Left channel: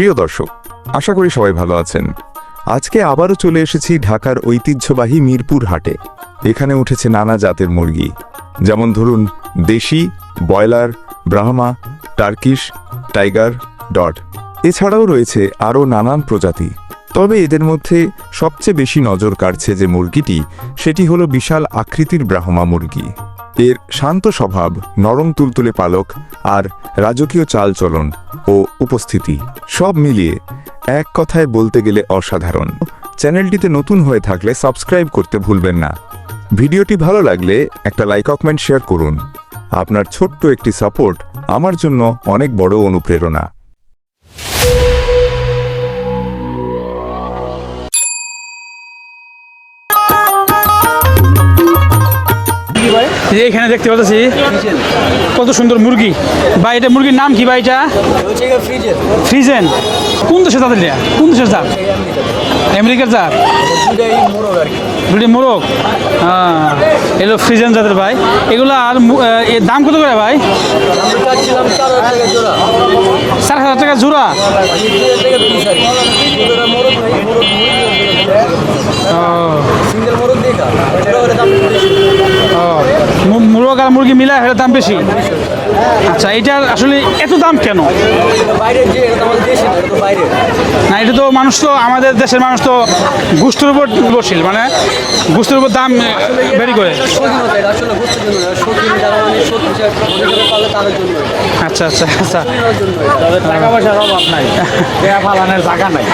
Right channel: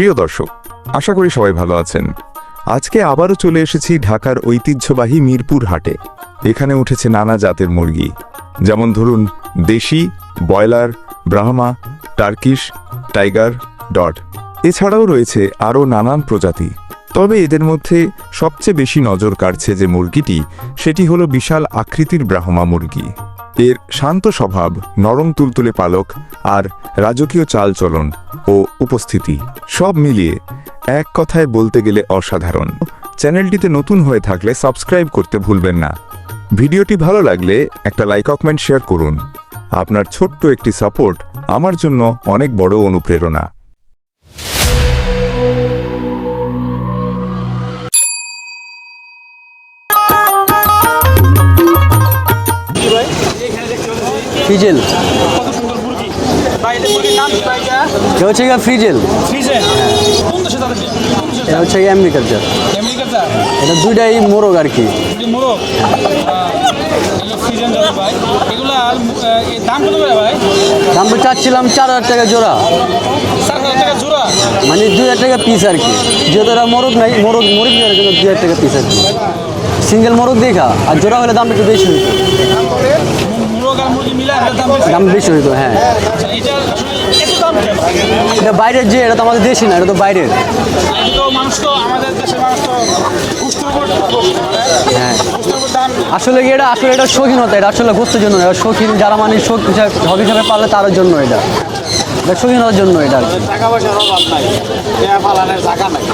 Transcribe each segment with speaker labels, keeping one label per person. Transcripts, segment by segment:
Speaker 1: প্রিয় দর্শক, আশা করি সবাই ভালো আছেন। আজকে আবারও চলে এসেছি ঢাকার ঐতিহ্যবাহী মিরপুর হাটে। এখানে উঠেছে নানা জাতের মুরগি। যেমন ধরুন, দেশি, broiler, Brahma, Turkish, tiger, dot. এছাড়াও রয়েছে আরও নানান প্রজাতি। তবে এদের মধ্যে সবচেয়ে বেশি নজর কাড়ছে যে মুরগিটি, সেটি হলো বিশাল আকৃতির ব্রাহ্মা মুরগি। এর শান্ত স্বভাব, নরম তুলতুলে পালক আর রাজকীয় চালচলন ও উপস্থিতি সব মিলিয়ে এক কথায় বলতে গেলে অসাধারণ। চ্যানেলটিতে নতুন হয়ে থাকলে সাবস্ক্রাইব করতে ভুলবেন না। ভিডিওটি ভালো লাগলে একটা লাইক কমেন্ট শেয়ার করুন। আপনার ছোট্ট একটি সাপোর্ট আমার জন্য অনেক বড় অনুপ্রেরণা।
Speaker 2: ফ্রিজেন।
Speaker 3: কত সুন্দর মুরগি। ভাই এটা মুরগির নাম কি ভাই এটা?
Speaker 2: হচ্ছে গিয়ে ফ্রিজেন।
Speaker 3: ফ্রিজেন? কোন দেশে তাদের দেয়া কোন
Speaker 2: এটা
Speaker 3: জাত?
Speaker 2: হচ্ছে গিয়ে আমেরিকার জাত।
Speaker 3: আমেরিকার
Speaker 2: এটা দুইটাই মোরগ আর কি।
Speaker 3: দুটি মোরগ? হ্যাঁ এগুলো ফ্রিজেন জাতের ভাই। এগুলো আর এর দাম কত করে ভাই?
Speaker 2: আমরা চাচ্ছিলাম চার হাজার টাকা জোড়া।
Speaker 3: চার হাজার টাকা জোড়া?
Speaker 2: মানে দুই হাজার টাকা পিস আর কি। এটা মোরগ নাই মোরগ মোরগ দুই হাজার টাকা পিস সিঙ্গেল মোরগ দেখা আর জোড়া হলে দাম একটু বেশি।
Speaker 3: মোরগ আর মুরগি মিলে এর দাম বেশি?
Speaker 2: দাম বেশি হতো হ্যাঁ।
Speaker 3: আচ্ছা এটার আসলে এত দাম কেন?
Speaker 2: এটা বাইরের যে এটা তো আমাদের দেশে না এটা তো বাইরের।
Speaker 3: না এটা তো মানুষ তো আমাদের দেশের মানুষ তো গুস্তের উপর নির্ভরশীল মানে গুস্তের উপর দাম
Speaker 2: আসলে এটা। আসলে এটা শৌখিনতা এটা আসলে গোস্তের জন্য এটা শৌখিন যারা মানে শৌখিন হবি হিসাবে পালে তাদের জন্য এটা।
Speaker 3: আচ্ছা আচ্ছা আচ্ছা।
Speaker 2: শৌখিনতার জন্য এটা।
Speaker 3: টাকা পয়সার অভাব নাই। পালানের জায়গা নাই।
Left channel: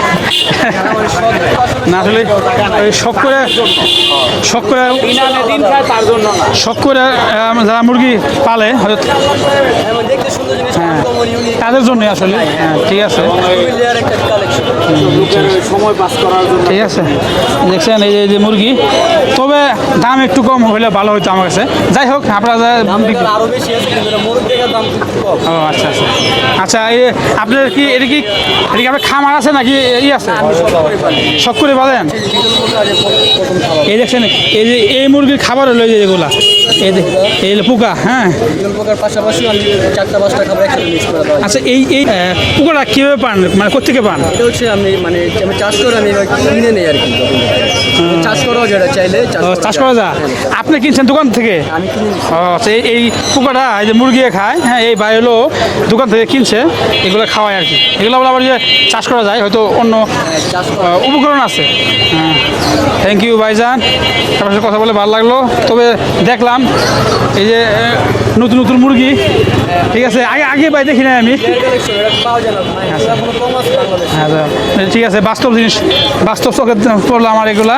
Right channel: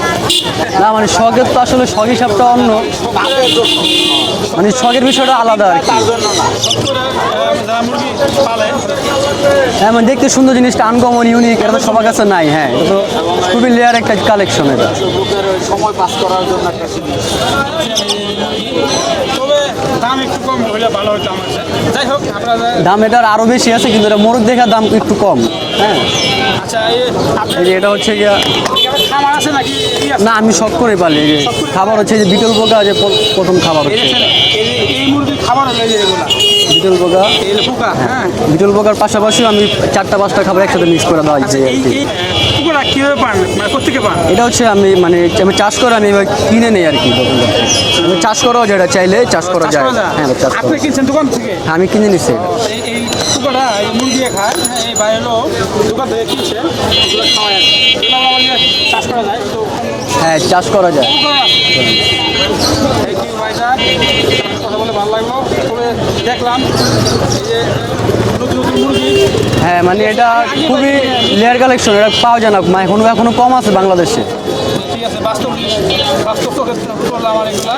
Speaker 2: মানে শখের তো আসলে শখ।
Speaker 3: শখ করে শখ করে শখ করে যারা মুরগি পালে হয়তো
Speaker 2: হ্যাঁ মানে দেখতে সুন্দর জিনিসটা আনকমন ইউনিক
Speaker 3: তাদের জন্য
Speaker 2: আছে? নাই হ্যাঁ।
Speaker 3: ঠিক আছে।
Speaker 2: খুবই লেয়ার একটা কালেকশন সময় পাস করার জন্য।
Speaker 3: ঠিক আছে। দেখছেন এই যে- যে মুরগি। তবে দাম একটু কম হলে ভালো হতো আমার কাছে। যাই হোক আপনারা
Speaker 2: দাম এটার আরও বেশি আছে কিন্তু এটা মোরগ দেখার দাম একটু কম।
Speaker 3: ও আচ্ছা আচ্ছা। এই আপনার কি
Speaker 2: এটা
Speaker 3: কি এটা কি আপনার খামার আছে নাকি? এই আছে?
Speaker 2: না আমি সব করে পারি
Speaker 3: সব করে
Speaker 2: খাবার আছে যে বিকল প্রকার যে প্রথম খাবার
Speaker 3: এই দেখছেন এই যে এই মুরগির খাবার হলো এই এগুলা। এই যে এই পোকা হ্যাঁ।
Speaker 2: বিকল প্রকার পাশাপাশি আমি চারটা পাঁচটা খাবার একসাথে মিক্স করে দেওয়া
Speaker 3: আচ্ছা এই এই পোকাটা কীভাবে পান? মানে কোথেকে পান?
Speaker 2: এটা হচ্ছে আমি মানে আমি চাষ করে আমি কিনে নেই আর কি। চাষ করাও যেটা চাইলে চাষ করা
Speaker 3: চাষ
Speaker 2: যায়।
Speaker 3: করা যায়?
Speaker 2: হ্যাঁ,
Speaker 3: আপনি কিনছেন দোকান থেকে?
Speaker 2: আমি কিনে নিচ্ছি
Speaker 3: আচ্ছা, এই- পোকাটা এই যে মুরগি খায় হ্যাঁ এই বাইরে হলো দোকান থেকে কিনছে এগুলো খাওয়ায় আর কি। এগুলো আবার আবার চাষ করা যায় হয়তো অন্য
Speaker 2: হ্যাঁ চাষ করা
Speaker 3: উপকরণ আছে। থ্যাংক ইউ ভাইজান। আপনার সাথে কথা বলে ভালো লাগল। তবে দেখলাম এই যে নতুন নতুন মুরগি ঠিক আছে আগে আমি।
Speaker 2: লেয়ার কালেকশন এটা পাওয়া যায় না। এখনও এখনও কম আছে বাংলাদেশে?
Speaker 3: ঠিক আছে বাস্তব জিনিস বাস্তব চোখে পড়ল আমার এগুলা।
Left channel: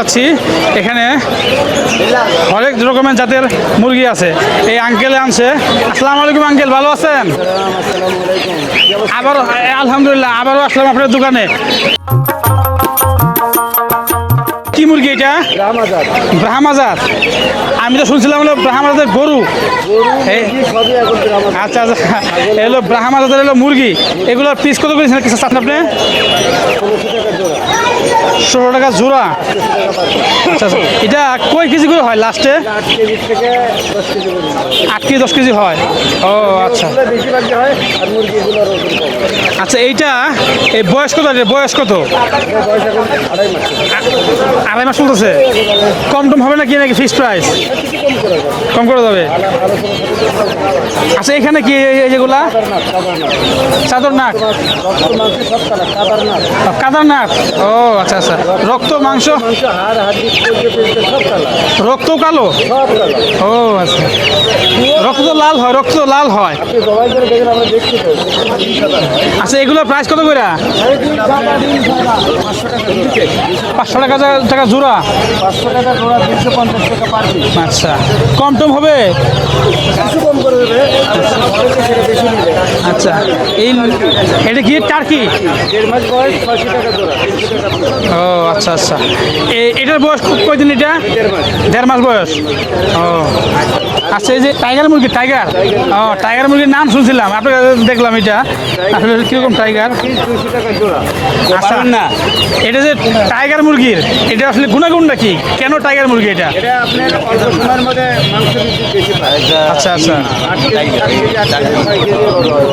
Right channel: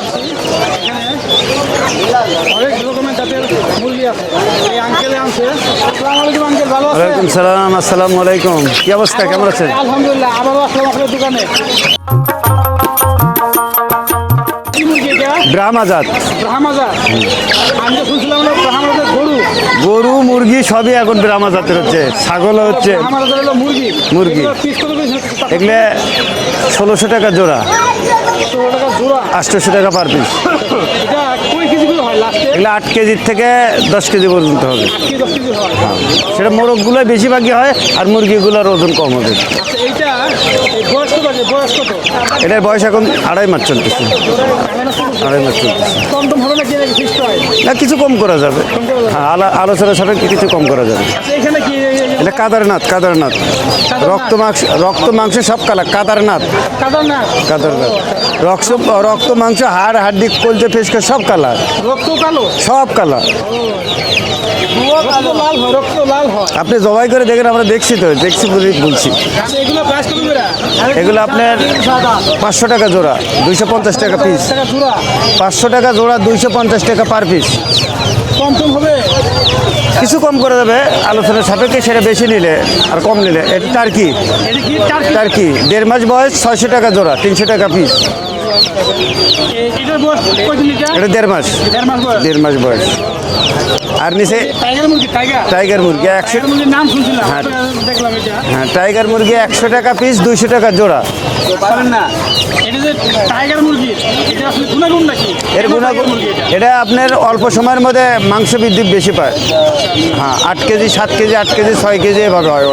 Speaker 3: পাচ্ছি এখানে অনেক রকমের জাতের মুরগি আছে। এই আঙ্কেল আনছে। আসসালামু আলাইকুম আঙ্কেল ভালো আছেন?
Speaker 2: সালাম আসসালামু আলাইকুম। কি অবস্থা কেমন আছেন?
Speaker 3: আলহামদুলিল্লাহ আবারও আসলাম আপনার দোকানে।
Speaker 2: ব্রাহ্মাজাত
Speaker 3: ব্রাহ্মাজার আমি তো শুনছিলাম না ব্রাহ্মাজার গরু।
Speaker 2: গরু মুরগি সবই এখন ব্রাহ্মাজাতের
Speaker 3: আচ্ছা,
Speaker 2: হচ্ছে
Speaker 3: আচ্ছা।
Speaker 2: ছাগল
Speaker 3: এগুলো
Speaker 2: হচ্ছে
Speaker 3: ব্রাহ্মাজাতের হলো মুরগি। এগুলো পিস কত কিছু সাথে আপনি
Speaker 2: ষোলোশো টাকা জোড়া।
Speaker 3: ষোলো টাকা জোড়া?
Speaker 2: আটশোশো টাকা পার পিস
Speaker 3: আচ্ছা আচ্ছা। এটা কয় কেজি করে হয় লাস্টে
Speaker 2: আট কেজির থেকে দশ কেজি পর্যন্ত হবে।
Speaker 3: আট কেজি দশ কেজি হয়।
Speaker 2: সেটা। মোরগগুলো বেশি বাকি হয় আর মুরগিগুলোর ওজন কম হবে।
Speaker 3: আচ্ছা এইটা এই বয়স কত আছে? বয়স কত?
Speaker 2: এটার বয়স এখন আড়াই মাস চলছে
Speaker 3: আড়াই মাস চলতেছে? কম টম হবে নাকি নাকি ফিক্স প্রাইস
Speaker 2: না কিছু কম করা যাবে।
Speaker 3: কম করে যাবে?
Speaker 2: আলা- আলোচনা সাপেক্ষে কিছু কম করা যাবে।
Speaker 3: আচ্ছা এখানে কি
Speaker 2: কাদারনাথ কাদারনাথ? রক্ত মাংস রক্ত মাংস সব কালা কাদারনাথ।
Speaker 3: না
Speaker 2: কাদারনাথ।
Speaker 3: আচ্ছা আচ্ছা।
Speaker 2: রক্ত
Speaker 3: মাংস?
Speaker 2: মাংস হাড় হাড্ডি কলজে ফেসকে সব কালার।
Speaker 3: রক্ত কালো?
Speaker 2: সব কালার।
Speaker 3: ও আচ্ছা। রক্ত লাল হয় রক্ত লাল হয়।
Speaker 2: আপনি জবাই করে দেখেন আমরা দেখছি তো দেখছি বলেই বলছি
Speaker 3: আচ্ছা এগুলো প্রাইস কত করে?
Speaker 2: এগুলো আপনার পাঁচশো টাকা জোড়া দুইশো পঞ্চাশ টাকা পিস
Speaker 3: টাকা জোড়া।
Speaker 2: পাঁচশো টাকা জোড়া দুইশো পঞ্চাশ টাকা পার পিস
Speaker 3: আচ্ছা। কম টম হবে?
Speaker 2: কিছু কম করে দেবে আলোচনা সাপেক্ষে সেটা বেশি নিলে আর কম নিলে। টার্কি
Speaker 3: এটা কি টার্কি
Speaker 2: টার্কি দেড় মাস বয়স ছয়শো টাকা জোড়া তিনশো টাকা পিস
Speaker 3: ও আচ্ছা আচ্ছা। এটার বয়স কয়দিন এটা?
Speaker 4: এটা দেড় মাস।
Speaker 3: দেড় মাস বয়স।
Speaker 4: দেড় মাস বয়স।
Speaker 3: ও।
Speaker 4: আর নিচে
Speaker 3: যে টাইগার মুরগি টাইগার।
Speaker 4: টাইগার মুরগি,
Speaker 3: টাইগার মুরগির নাম শুনছিলাম আপনার দেখলাম এটা।
Speaker 4: টাইগার
Speaker 3: আসলে
Speaker 4: মুরগি একশো টাকা পিস দুইশো টাকা জোড়া।
Speaker 3: আচ্ছা, না। এটা যে টাইগার মুরগির এটা আসলে গুণাগুণটা কি কেন টাইগার মুরগি এটা?
Speaker 4: এটা আপনার অল্প সময়ের মধ্যে মাংস বৃদ্ধি বেশি পায়।
Speaker 3: আচ্ছা আচ্ছা।
Speaker 4: আট কেজি সাত কেজি আট কেজি ছয় কেজি ভালো হয়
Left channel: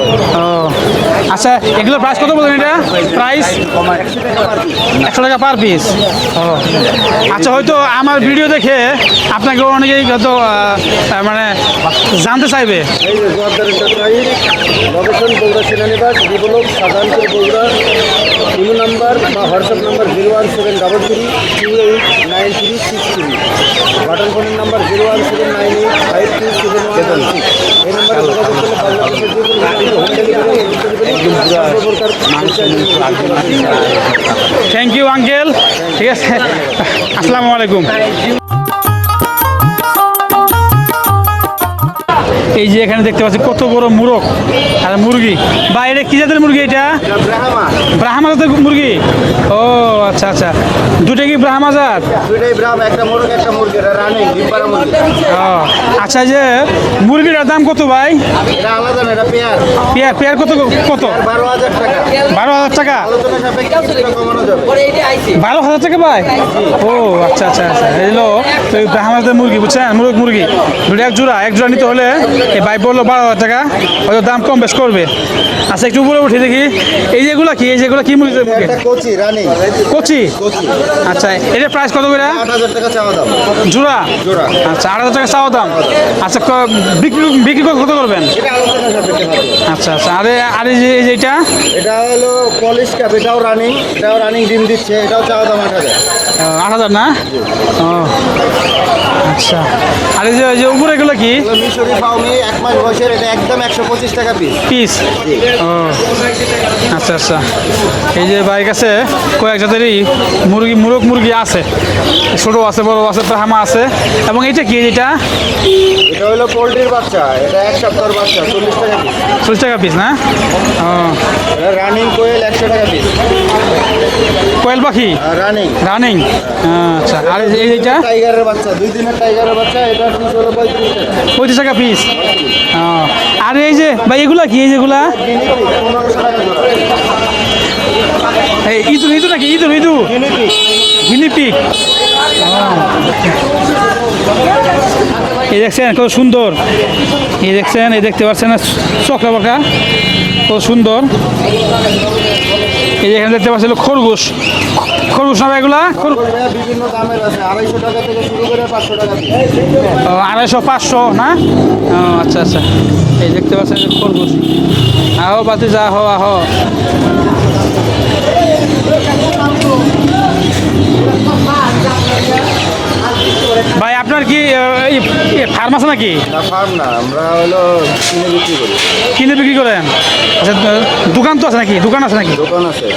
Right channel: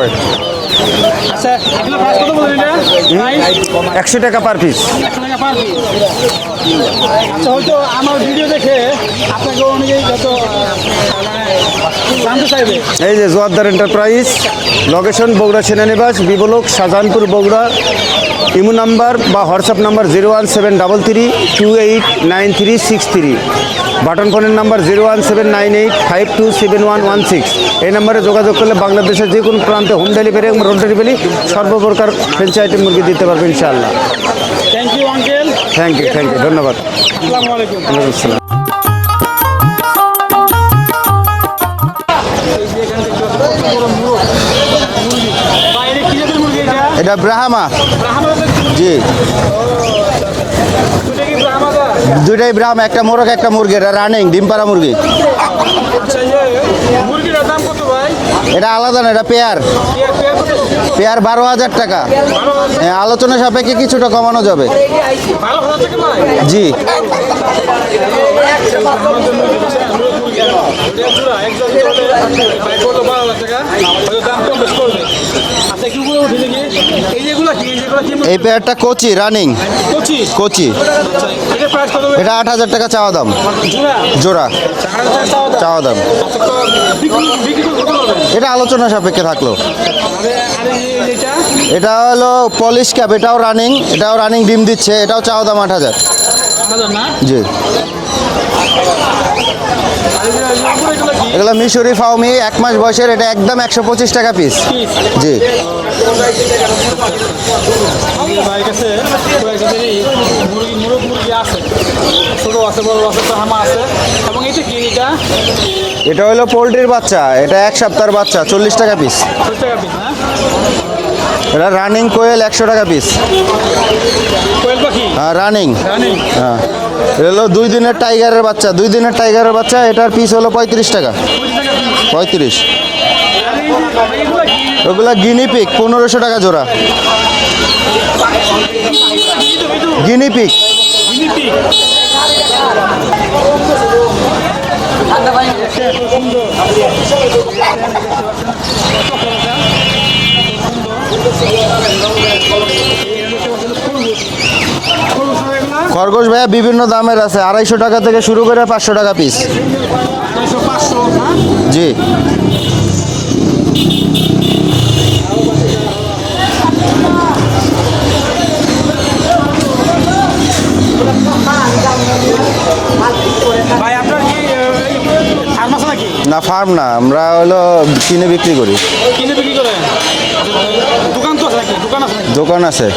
Speaker 3: আচ্ছা এগুলো প্রাইস কত বলবেন এটা? প্রাইস
Speaker 4: একশো টাকা পার পিস
Speaker 3: একশো টাকা পার পিস আচ্ছা হয়তো আমার ভিডিও দেখে আপনাকে অনেকেই হয়তো জানতে চাইবে।
Speaker 4: এই যে জোয়ারদার এন্টারপ্রাইজ লোকেশন বগুড়া সেনানিবাস বিবলুক শাহজাহানপুর বগুড়া ইমো নাম্বার বা WhatsApp number zero one seven double three two eight nine three six three button ফোনের number zero one seven nine eight five two seven one one six এই নম্বরে যোগাযোগ করলে বাংলাদেশের যে কোনো প্রান্তে হোম ডেলিভারি এবং রোড ডেলিভারি সর্বপ্রকার ফ্রেঞ্চাইজ আইটেম মুরগি দিতে পারবেন ইনশাআল্লাহ।
Speaker 3: Thank you uncle
Speaker 4: thank you, ধন্যবাদ।
Speaker 3: আসসালামু আলাইকুম। এই যে এখানে দেখতে পাচ্ছি কত বড় মুরগ আর মুরগি। বা এটা কি জাতের মুরগি এটা?
Speaker 4: এটা ব্রাহ্মা।
Speaker 3: ব্রাহ্মা জাতের মুরগি? ও আচ্ছা আচ্ছা। দুটাই কি ব্রাহ্মা জাত?
Speaker 4: দুটাই ব্রাহ্মা একটা মুরগ একটা মুরগি। এটা রানিং ডিম পাড়া মুরগি।
Speaker 3: আচ্ছা যে মুরগিটার দাম কত ভাই?
Speaker 4: এটা আলাদা না পেয়ার।
Speaker 3: পেয়ার পেয়ার কত কত?
Speaker 4: পেয়ার বারো হাজার টাকা।
Speaker 3: বারো হাজার টাকা?
Speaker 4: আলোচনা সাপেক্ষে কিছুটা কমানো যাবে।
Speaker 3: বারো হাজার টাকা ভাই?
Speaker 4: জি।
Speaker 3: ও আচ্ছা আচ্ছা আচ্ছা। হলো এই ব্রাহ্মণের মুরগি বুঝছেন? মুরগ মুরগি। দুটো এক জোড়া এক জোড়া নিতে হলে এই বাইক বলল বারো হাজার টাকা হয়তো দাম কম বেশ করবে। আচ্ছা একটু উপরে উঠে দেখি। এই যেগুলো কি এই যেগুলো কি মুরগি?
Speaker 4: পেয়ারটা কোচি রানিং
Speaker 3: কুচি?
Speaker 4: কোচি।
Speaker 3: আচ্ছা এটার প্রাইস কত করে?
Speaker 4: আট হাজার টাকা চাওয়া দাম।
Speaker 3: জোড়া?
Speaker 4: জোড়া।
Speaker 3: আচ্ছা আট হাজার টাকা
Speaker 4: চাওয়া দাম।
Speaker 3: আচ্ছা বিক্রি বিক্রি করে কত করবেন?
Speaker 4: এটা আলোচনা সাপেক্ষে থাকল।
Speaker 3: আচ্ছা আচ্ছা আরে আরে যে
Speaker 4: এটা হলো পলিশ ক্যাপ এটাও রানিং এটাও রানিং ডিম দিচ্ছে এটাও চাওয়া দাম আট হাজার।
Speaker 3: আট হাজার না?
Speaker 4: জি।
Speaker 3: আচ্ছা। আর এই যে উপরে এগুলো কি?
Speaker 4: এগুলো মিশরি ফাউমি এক মাস বয়সের এটা একদম একশো পঁচিশ টাকা পিস
Speaker 3: পিস
Speaker 4: জি।
Speaker 3: আচ্ছা আচ্ছা। এই যে বাইক কাছে কয়েক জাতেরই মুরগি মুরগ মুরগি আছে ছোটো আছে বড় আছে তো হামা আছে। এবং এটা কি এটা?
Speaker 4: এটা হলো পোলট্রির বাচ্চা এটা এক সপ্তাহের বাচ্চা চল্লিশ টাকা পিস
Speaker 3: চল্লিশ টাকা পিস না?
Speaker 4: এটা রানিং কোয়েল একশো টাকা পিস
Speaker 3: কোয়েল পাখি?
Speaker 4: রানিং
Speaker 3: রানিং আচ্ছা
Speaker 4: এটা
Speaker 3: আর
Speaker 4: হলো দুই দিনের টাইগারের বাচ্চা দুই দিনের টাইগারের বাচ্চা এটার পিস হলো পঁয়ত্রিশ টাকা।
Speaker 3: পঁচিশ টাকা পিস
Speaker 4: পঁয়ত্রিশ।
Speaker 3: আর এই যে ভাই এগুলা কি? এগুলা
Speaker 4: গিনিপিক পনেরোশো টাকা জোড়া।
Speaker 3: এই ইঁদুর ইঁদুর নাকি? ইঁদুর ইঁদুর?
Speaker 4: গিনিপিক
Speaker 3: গিনিপি এই দেখছেন কত সুন্দর। এই দেখছেন এই দেখতে পাচ্ছেন চকা বকা কত সুন্দর। যেখানে খরগোশ। খরগোশ না এগুলা?
Speaker 4: খরগোশ ভাইয়া বিভিন্ন দামের আছে আড়াইশো টাকা থেকে শুরু করে পাঁচশো টাকা পিস
Speaker 3: আড়াইশো পাঁচশো না?
Speaker 4: জি।
Speaker 3: আচ্ছা আচ্ছা। এই দেখতে পাচ্ছেন খরগোশ। আহো পাশে যা হো আহো। ভাই আপনার কি ফার্ম আছে নাকি?
Speaker 4: না ফার্ম না আমরা হলো কিনে বিক্রি করি।
Speaker 3: কিনে বিক্রি করেন? আচ্ছা দোকান তো আছে নাকি? দোকান আছে নাকি?
Speaker 4: দোকান আছে।